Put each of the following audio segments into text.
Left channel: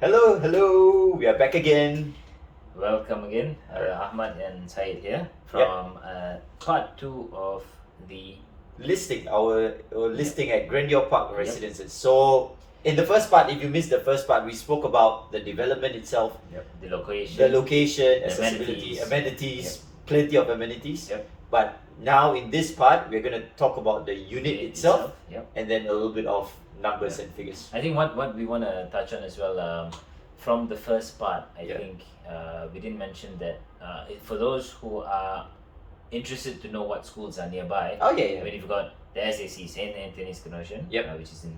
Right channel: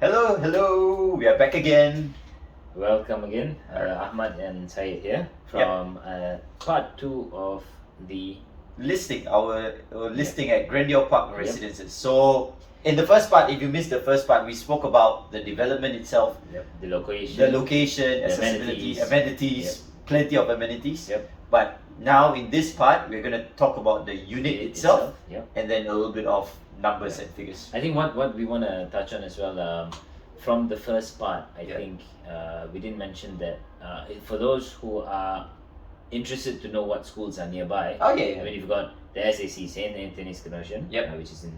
Hello, we are back again. Welcome again, Ahmad and Syed here from part 2 of the Listing at Grandeur Park Residences. So, in the first part, if you missed the first part, we spoke about the development itself, the location, accessibility, amenities, Yep. plenty of amenities. But now in this part, we're going to talk about the unit itself, and then a little bit of numbers and figures. I think what we want to touch on as well, from the first part, I think we didn't mention that for those who are interested to know what schools are nearby. Oh yeah, I mean, you've got the SAC, Saint Anthony's Conversion, Yep. which is in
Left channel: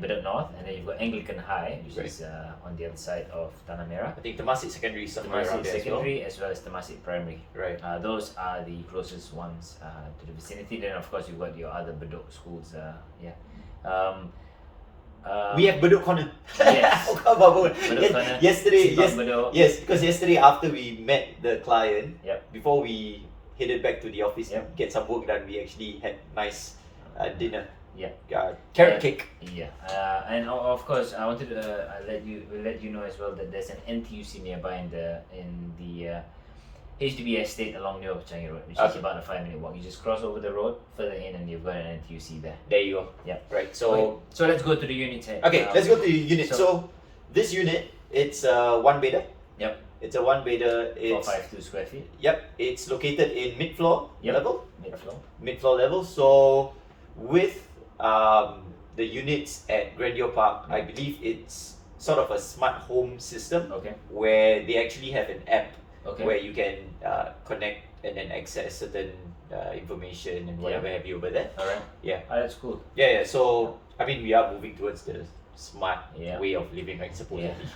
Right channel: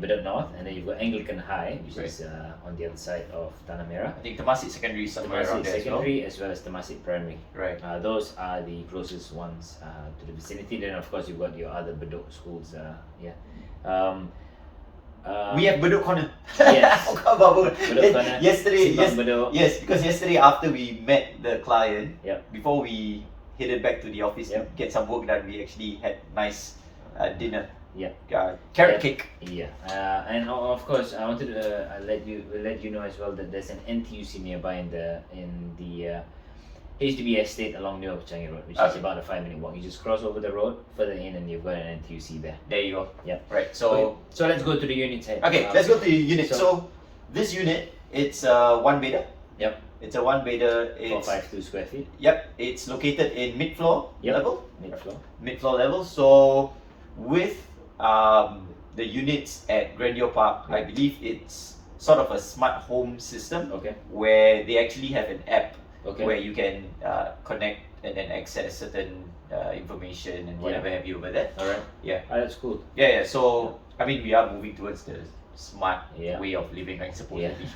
Bedok North, and then you've got Anglican High, which is on the other side of Tanah Merah. I think Temasek Secondary is somewhere around Temasek there as well. Secondary as well as Temasek Primary. Right. Those are the closest ones to the vicinity. Then of course you've got your other Bedok schools. We have Bedok Corner. Yes. How about Bedok Corner, yesterday? Simpang Bedok. Yes, because yesterday after we met the client, Yep. before we headed back to the office to Yep. get some work done, we actually had nice dinner. Yeah. Carrot cake. Yeah, and of course I wanted to let you know as well that there's an NTUC nearby in the HDB estate along New Changi Road, which is about a 5-minute walk. You just cross over the road further in, and you've got an NTUC there. There you go. Yeah. Right. So So let's go to the unit side. okay, let's go to the unit. so- So this unit, it's a one bedder. Yep. It's a one bedder. It's 452 square feet. Yep. It's located in mid-floor Yep. level. Mid-floor. Mid-floor level. So with the units at Grandeur Park, I believe it's sort of a smart home system Okay. where they actually have an app Okay. where you can connect and then access certain information and whatever have you over there. All right. Yeah. That's cool. Yeah. So I mean, we are moving towards the smart Yeah. way of living, right? Supposedly.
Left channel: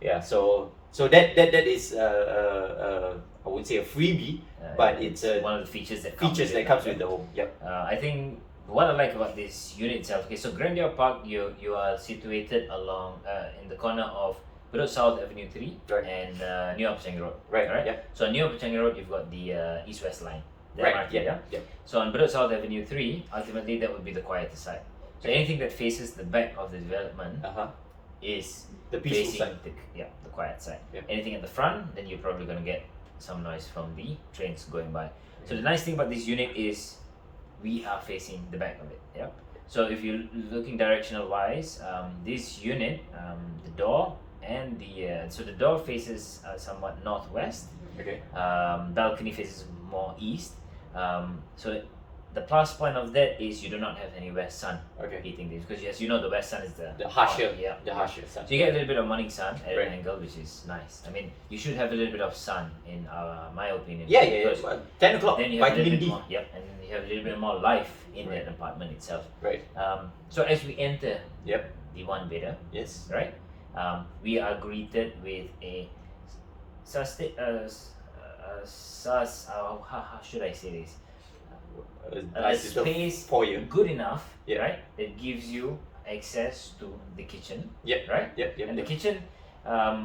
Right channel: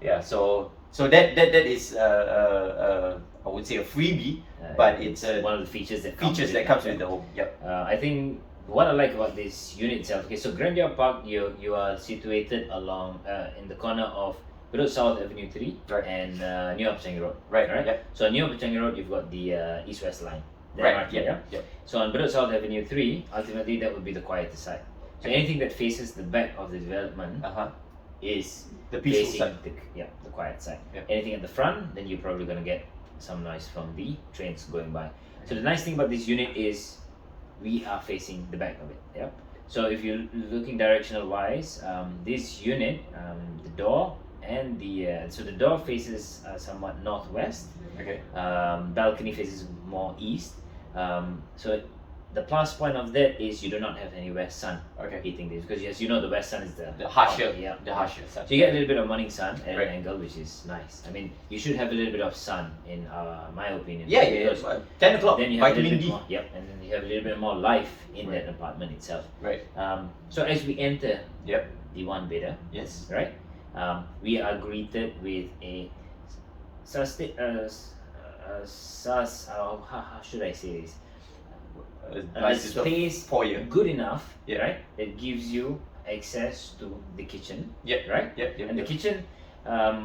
Yeah. So that is I would say a freebie, but it's a one of the features that comes with with the home. Yep. I think what I like about this unit itself. Okay, so Grandeur Park, you are situated along in the corner of Bedok South Avenue 3 Right. and New Changi Road. Right. Right. Yep. So on New Changi Road, you've got the east-west line. The Right. MRT, Yeah. Yep. So on Bedok South Avenue 3, ultimately that would be the quieter side. So anything that faces the back of the development is The peaceful facing side. the quiet side. Yep. Anything at the front, then you're probably gonna get some noise from the trains going by. So the nice thing about this unit is we are facing the back of it. Yeah. So if you're looking directional wise, this unit, the door and the door faces somewhat northwest. Okay. Balcony faces more east. So the plus point of that is you do not have any west sun Okay. hitting this, because as you know the west sun is The harsher. yeah, The harsher side. so you get a little bit of morning sun at Right. an angle, which is nice. I mean, you should have a little bit of sun in my opinion. Yeah. because Well, 10 o'clock. then you have a little Vitamin bit D. more, yep, and then you have a little bit more life in Right. that apartment itself. Right. So as we enter Yep. the one bedder, Yes. right, we are greeted with a how should I say this? A Nice little space foyer. good enough, Yeah. right, that gives you access to the kitchen, Yep. right? Yep. And the kitchen,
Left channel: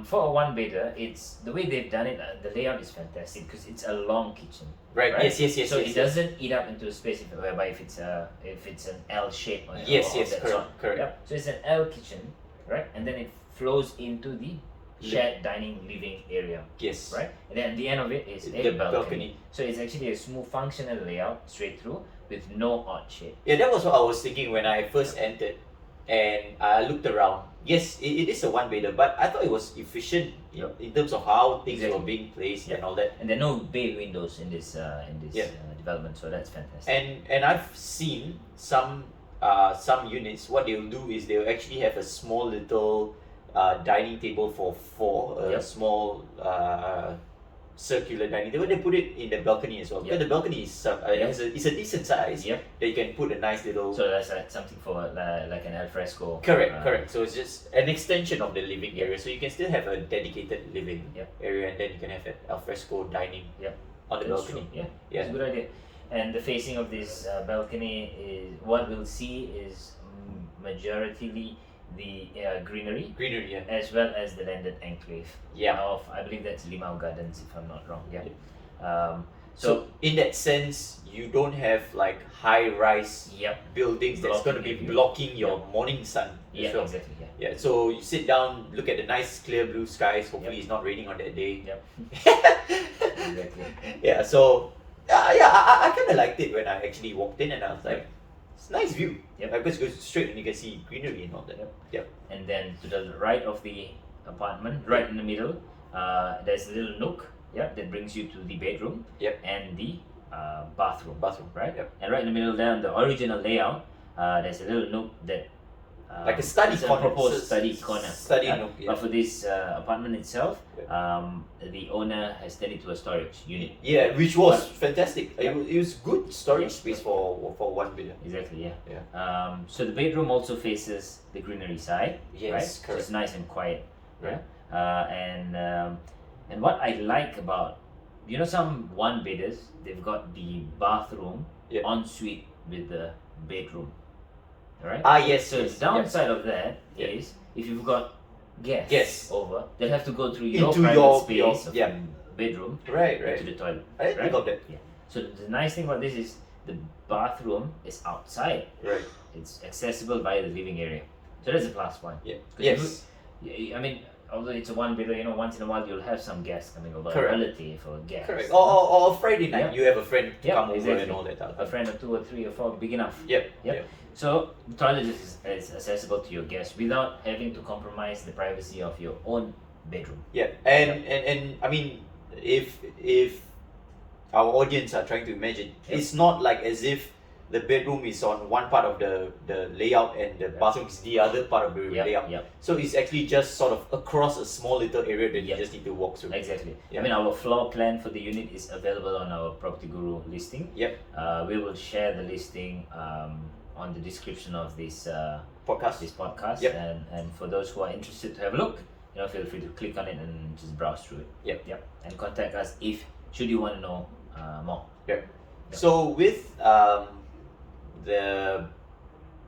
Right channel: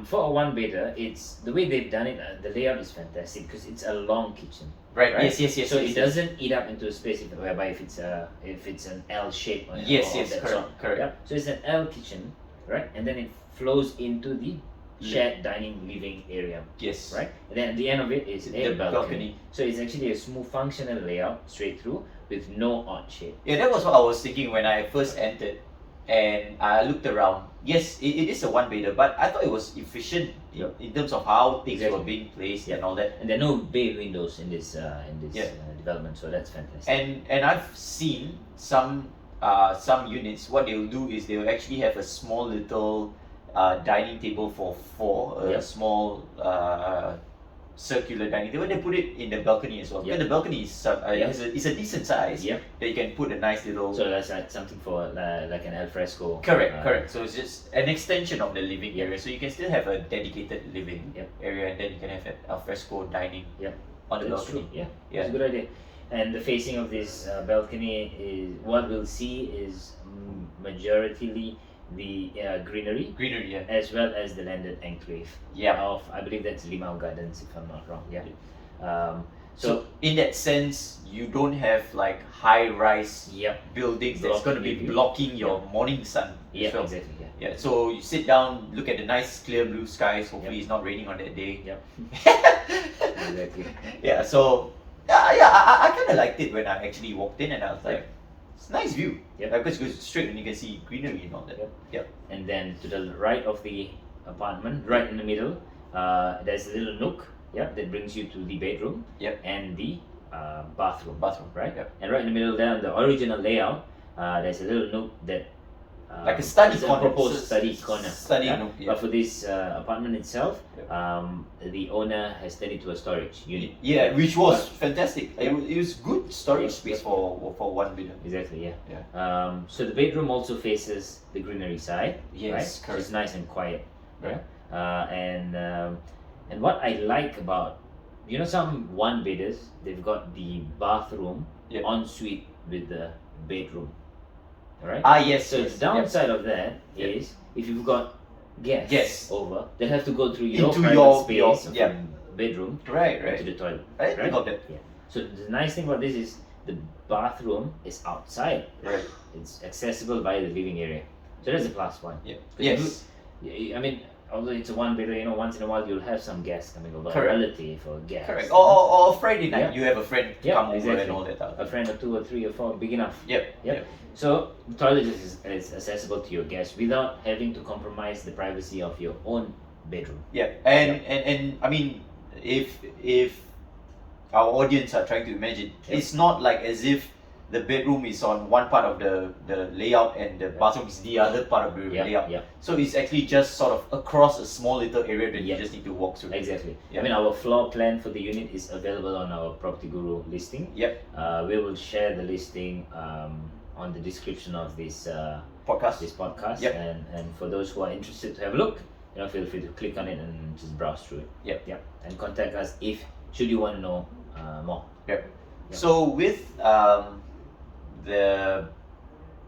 for a one bedder, it's the way they've done it. The layout is fantastic because it's a long kitchen. Right. Right. Yes. So it doesn't eat up into a space whereby if it's an L shape. Yes. or Yes. that Correct. sort. Correct. Yeah. So it's an L kitchen, right? And then it flows into the shared dining living area, Yes. right? And then at the end of it is The a balcony. balcony. So it's actually a smooth, functional layout straight through with no odd shape. Yeah, that was what I was thinking when I first entered, and I looked around. Yes, it is a one bedder, but I thought it was efficient in terms of how things were Exactly. being placed and all that. And there are no bay windows in this Yeah. development, so that's fantastic. And I've seen some units. What they'll do is they'll actually have a small little dining table for four, a Yep. small circular dining table. They put it in the balcony as well. Yep. Because the balcony is a decent size. Yeah. That you can put a nice little. So that's something for like an alfresco. Correct. So it's just an extension of the living Yep. area. So you can still have a dedicated living Yep. area, and then you can have an alfresco dining Yep. on the That's balcony. true. Yeah. Yeah. It's a good idea. And the facing of this balcony is what we'll see is majoritarily the greenery, Greenery, yeah. as well as the landed enclave Yeah. of, I believe that's Limau Gardens if I'm not wrong. Yeah. So in that sense, you don't have like high-rise Yep. buildings that's going to be Blocking view. blocking your morning sun. Yeah, as well. exactly. Yeah. Yeah, so you sit down, look at the nice clear blue skies. Hopefully, Yep. it's not raining on that day. Yep. Exactly. Yeah, so yeah, I kind of liked it when I actually walked in, and I was like, it's a nice view. Yep. Because it goes straight and you can see greenery and all that. Yep. Yep. And then to the right of the apartment, right in the middle, there's a little nook. Yeah, that brings you to the bedroom. Yep. And the bathroom. Bathroom, Right. Yep. And right in the middle there, on the original layout, there's a little nook that. Like a study it's corner. A proposed It's a study corner. study yeah? nook, yeah. But for this apartment itself, Yeah. the owner has turned it to a storage unit. Yeah, which was fantastic. Yep. It was good storage Yep. space for one bidder. Exactly, yeah. Yeah. So the bedroom also faces the greenery side. Yes, right? So correct. it's nice and quiet. Right. And what I like about, some one bidders, they've got the bathroom Yeah. en suite with the bedroom. Alright? Ah, yes. So yes. the downside of that Yep. is if you've got guests Guests. over, they'll have to go through your Into private your- space your- from yeah. bedroom Right, to right. the toilet. I didn't think right? of that. Yeah. So the nice thing about this is the bathroom is outside. Right. It's accessible via the living area. So that's a plus point. Yeah. 'Cause you Yes. I mean, although it's a one bedder, once in a while you'll have some guests coming over, Correct. a relative or a guest. Correct. Or Friday night, Yeah. you have a friend Yeah, come over exactly. and all that. Type of A thing. friend or two or three or four, big enough. Yep. Yep. Yep. So the toilet is accessible to your guests without having to compromise the privacy of your own bedroom. Yeah. And I mean, if our audience are trying to imagine, Yep. it's not like as if the bedroom is on one part of the layout and the bathroom is the other part of the Yeah, layout. yeah. So it's actually just sort of across a small little area that Yeah. you just need to walk through. Exactly. Yeah. I mean, our floor plan for the unit is available on our Property Guru listing. Yep. We will share the listing on the description of this Podcast. podcast. Yep. And for those who are interested to have a look, feel free to click on it and just browse through it. Yep. Yeah. And contact us should you want to know more. So with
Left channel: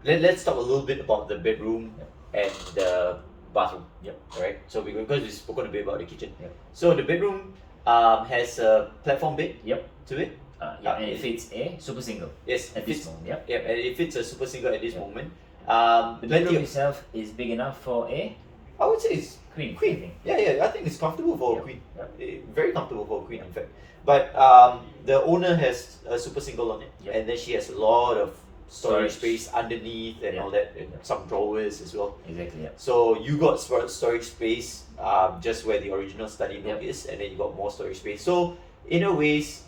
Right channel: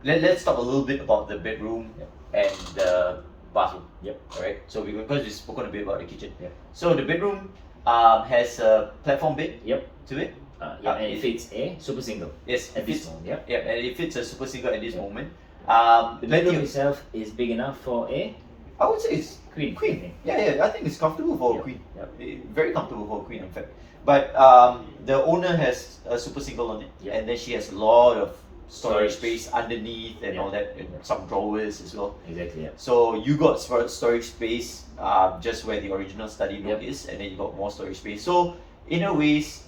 let's talk a little bit about the bedroom Yep. and the bathroom. Yep. Right. So because we've spoken a bit about the kitchen. Yep. So the bedroom has a platform bed. Yep. To it. And it fits a super single Yes. at it this fits, moment. Yeah. yeah, and it fits a super single at this Yeah. moment. The Plenty bedroom of, itself is big enough for a I would say it's queen. queen. Yeah. I think it's comfortable for a Yep. queen. Yep. Very comfortable for a queen, in fact. But the owner has a super single on it, Yep. and then she has a lot of storage Storage. space underneath and Yeah. all that, Yeah. some drawers as well. Exactly. Yeah. So you got storage space just where the original study nook Yep. is, and then you got more storage space. So in a ways,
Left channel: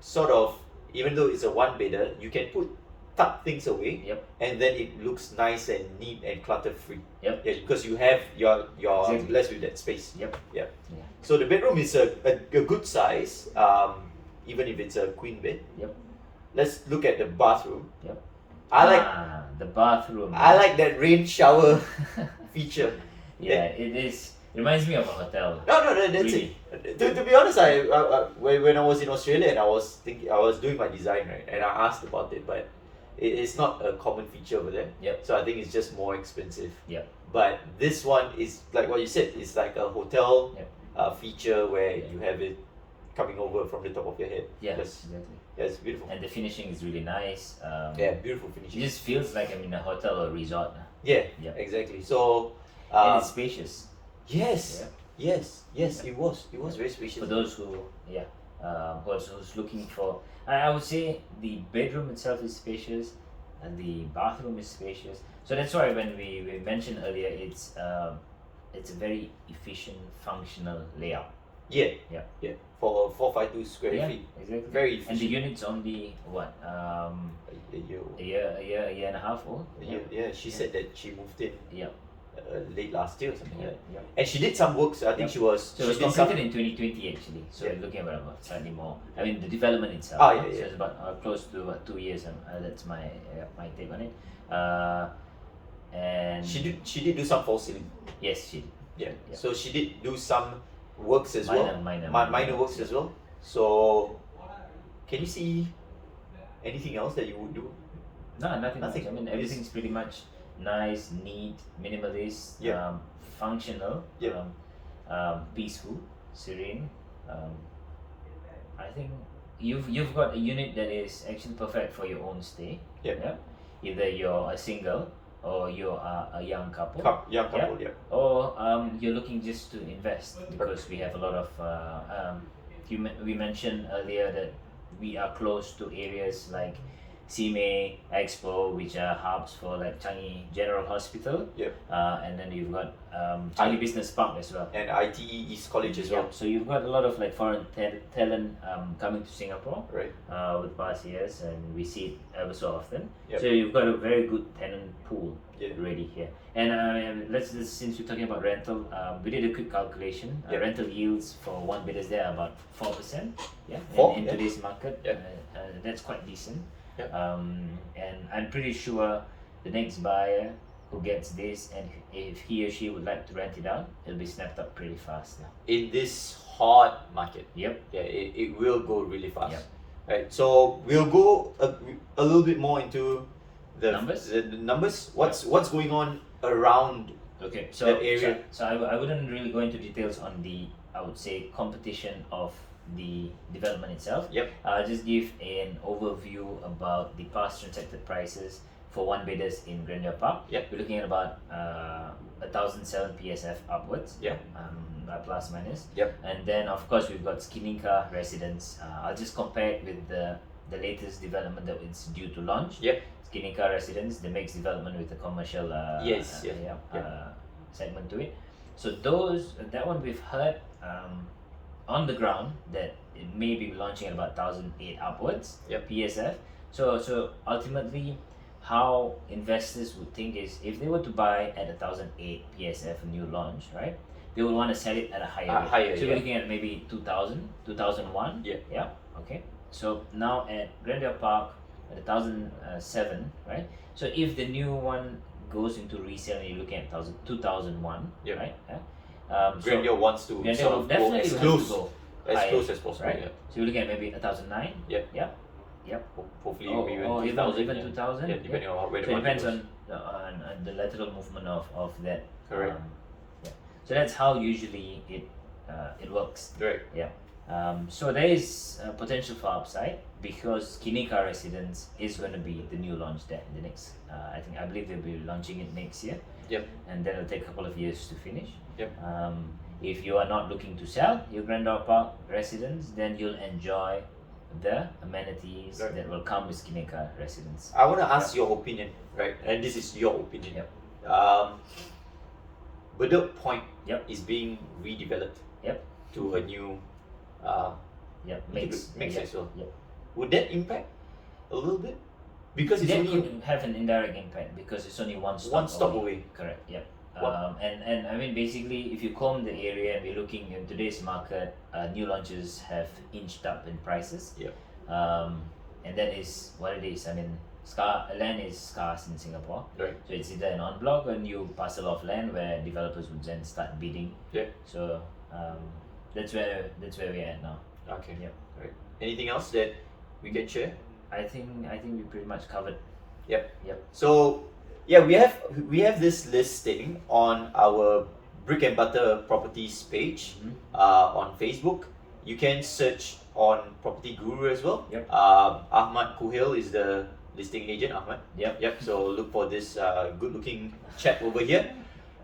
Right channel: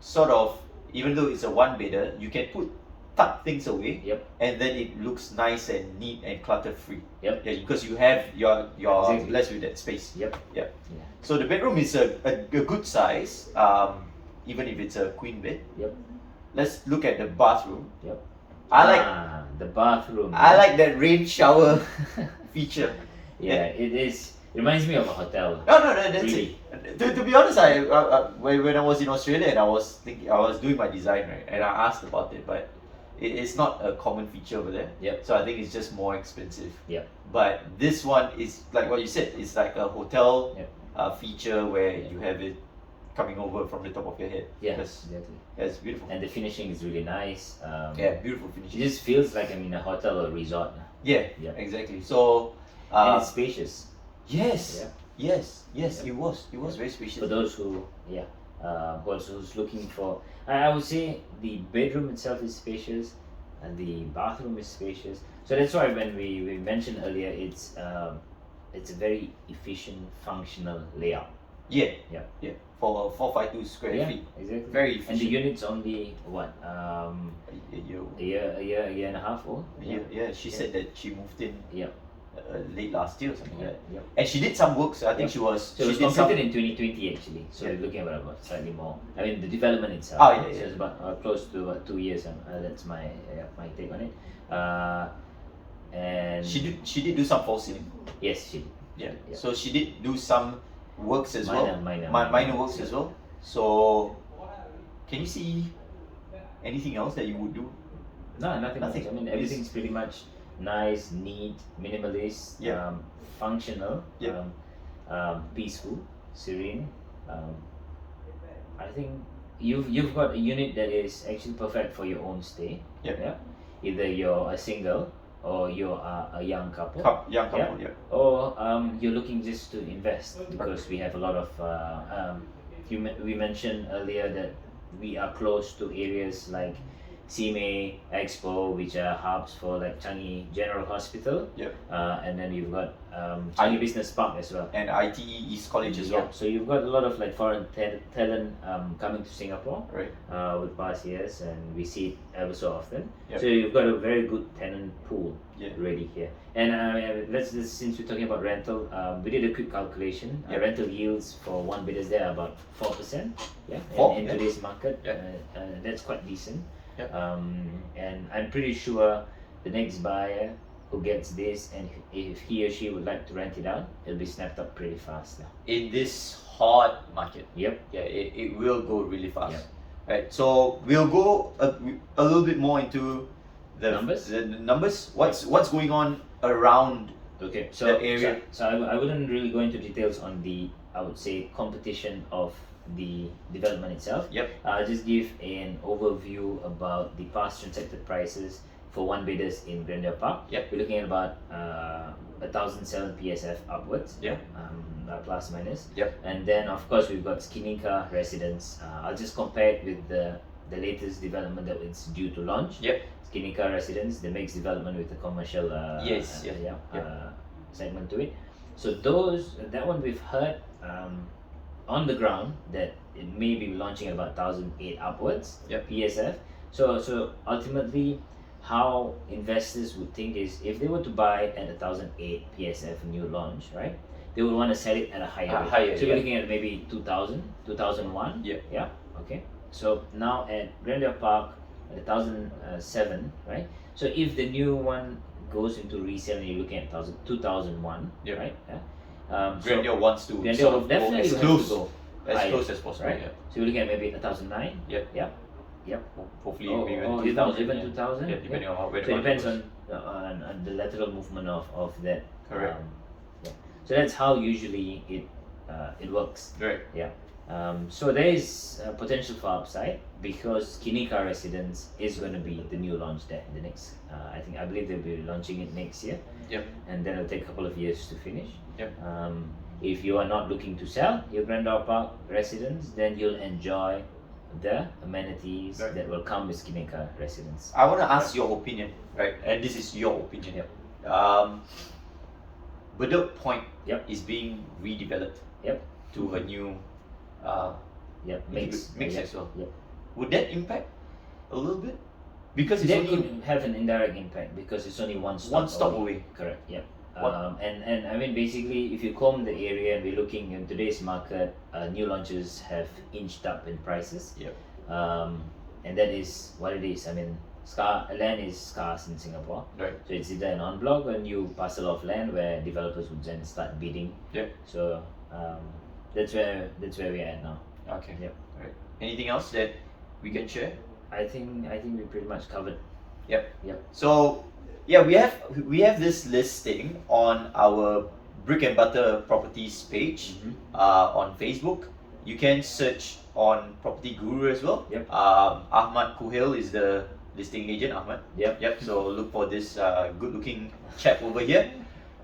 sort of, even though it's a one bedder, you can tuck things away, Yep. and then it looks nice and neat and clutter free. Yep. Yeah, because you're Exactly. blessed with that space. Yep. Yeah. Yeah. So the bedroom is a good size, even if it's a queen bed. Yep. Let's look at the bathroom. Yep. I the bathroom. like that rain shower feature. Yeah, it is. It reminds me of a hotel. No, that's Really? it. To be honest, when I was in Australia and I was doing my design, right, and I asked about it, but it's not a common feature over there. Yep. So I think it's just more expensive. Yep. But this one is like what you said. It's like a hotel Yep. feature where Yeah. you have it coming over from the top of your head. Yeah, Yes. exactly. Yeah, it's beautiful. And the finishing is really nice. Yeah, beautiful It finishing. just feels like I'm in a hotel or resort. Yeah, Yeah. exactly. So, And it's spacious. yes, Yeah. yes, Yeah. it was very spacious. For those who, who's looking for, I would say the bedroom itself is spacious, and the bathroom is spacious. So that's why when we mentioned earlier, it's a very efficient, functional layout. Yeah, Yeah. For 452 square Yeah, feet, exactly. very And the efficient. unit's only what, You, a year and a half old. yeah, she Yeah. said that she moved in Yeah. late last year or something like that. Yeah. And she did some work, so I think Yeah. she was. So it was she did some. completed in 2020 actually. So Yeah. we're looking at about slightly more. I mean the development itself. Ah, yeah, So yeah. it's about close to about 2 years. That's my take on it. And She did do some false ceiling. yes, she did. Yeah. Yeah. So she did do some works as well. Minor works as well. So, can you see anything else that you would do? No, nothing. Nothing. Much. I mean It's- everything's pretty much nice, neat, minimalist, Yeah. functional, Yeah. peaceful, serene. I think you've got a unit that is actually perfect for your own stay. Yep. Yeah. Either you're a single or you are a young couple. Young couple, yeah. Or you're looking just to invest, because we have a lot of we mentioned earlier that we are close to areas like Simei, Expo, which are hubs for like Changi General Hospital. Yep. And then you've got Changi Business Park as well. And ITE East College as Yeah, well. so you've got a lot of like foreign talent coming to Singapore Right. with past years, and we see it ever so often. Yep. So you've got a very good tenant pool Yeah. ready here. And let's since we're talking about rental, we did a quick calculation. Yep. Rental yields for one bidders there are about 4%. Yeah, in Yeah. today's market, Yeah. that's quite decent. Yep. And I'm pretty sure the next buyer who gets this, and if he or she would like to rent it out, it'll be snapped up pretty fast. In this hot market, Yep. yeah, it will go really fast. Yep. Right. So we'll go a little bit more into the Numbers? The numbers. What's going on around Okay, so that area. I wouldn't really go into details on the, I would say, competition of the development itself. Yep. I'll just give an overview about the past transacted prices for one bidders in Grandeur Park. Yep. We're looking at about 1,007 PSF upwards. Yeah. Plus minus. Yep. And then of course we've got Skininka Residence. I'll just compare it with the latest development that is due to launch. Yep. Skininka Residence, the mixed development with the commercial Yes, yes, segment to it. So that one we've heard on the ground that it may be launching at about 1,008 upwards. Yep. PSF. So ultimately, how investors would think is, if they were to buy at 1,008 PSF new launch, right? They would want to sell it at a higher rate. Higher, so yeah. you're looking at maybe 2,000, 2001. Yeah. Yeah. Okay. So now at Grandeur Park at 1,007, right? So if the new one goes into resale and you're looking at 2001, Yeah. right? Yeah. Grandeur wants to Grandeur sort will of go definitely as have close to go as higher, close as possible. right? Yeah. So you're looking at maybe 1,009. Yeah. Yeah. Hopefully Oh, maybe oh, even 2,000. even yeah. 2,000. Yeah, depending on where the So it market depends goes. on the lateral movement of that. Correct. Yeah. So that's how usually it works. Right. So there is potential for upside, because Skininka Residence is going to be the new launch there in the next. I believe they'll be launching it next year. Yep. And then it'll take a couple of years to finish. Yep. If you are not looking to sell your Grandeur Park residence, then you'll enjoy the amenities Right. that will come with Skininka Residence. I want to ask your opinion, right? And this is your opinion. Yep. Bedok Point Yep. is being redeveloped. Yep. To a new Yep. mix Yep. as well. Yep. Would that impact a little bit? Because it's That only could have an indirect impact, because it's only one stop one stop away. Correct. Yep. One- And I mean, basically, if you comb the area and we're looking in today's market, new launches have inched up in prices. Yep. And that is what it is. I mean, land is scarce in Singapore. Right. So it's either an en bloc or a new parcel of land where developers would then start bidding. Yeah. So that's where we're at now. Okay. Yep. Right. Anything else that we can share? I think we pretty much covered. So yeah, we have this listing on our Brick and Butter Properties page on Facebook. You can search on Property Guru as well. Yep. Ahmad Kuhil is the listing agent. Ahmad. Yep. So look for this good-looking chap over here.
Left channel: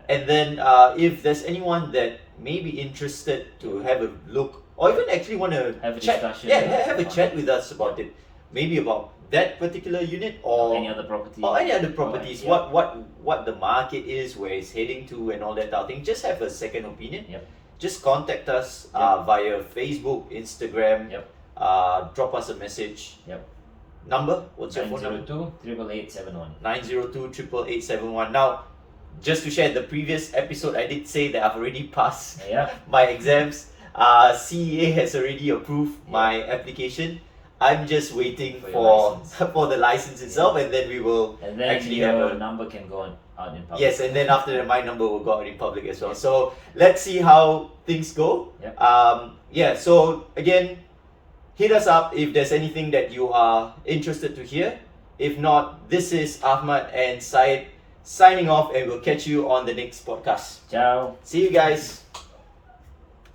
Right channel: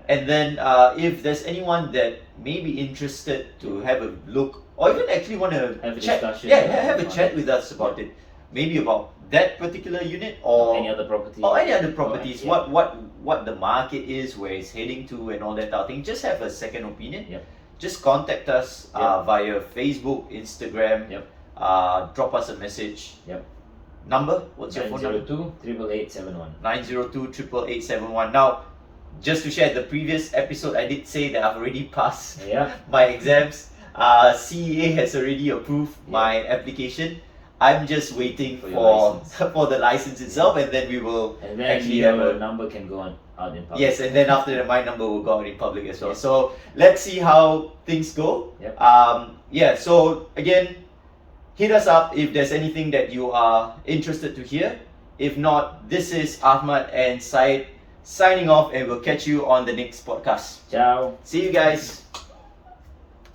And then if there's anyone that may be interested to have a look, or even actually want to Have a chat, discussion. have a chat with us about it, maybe about that particular unit or Any other property. or any other properties, yeah. what the market is, where it's heading to, and all that type of thing. Just have a second opinion. Yep. Just contact us Yep. via Facebook, Instagram. Yep. Drop us a message. Yep. Number? What's your phone number? 902-888-71. 902-888-71. Now, just to share, the previous episode I did say that I've already passed Yeah. my exams. CEA has already approved my application. I'm just waiting For your for license. for the license itself, and then we will And then actually have your a number can go out in public. yes, and then after that, my number will go out in public as well. Yeah. So let's see how things go. Yeah. So again, hit us up if there's anything that you are interested to hear. If not, this is Ahmad and Syed signing off, and we'll catch you on the next podcast. Ciao. See you guys.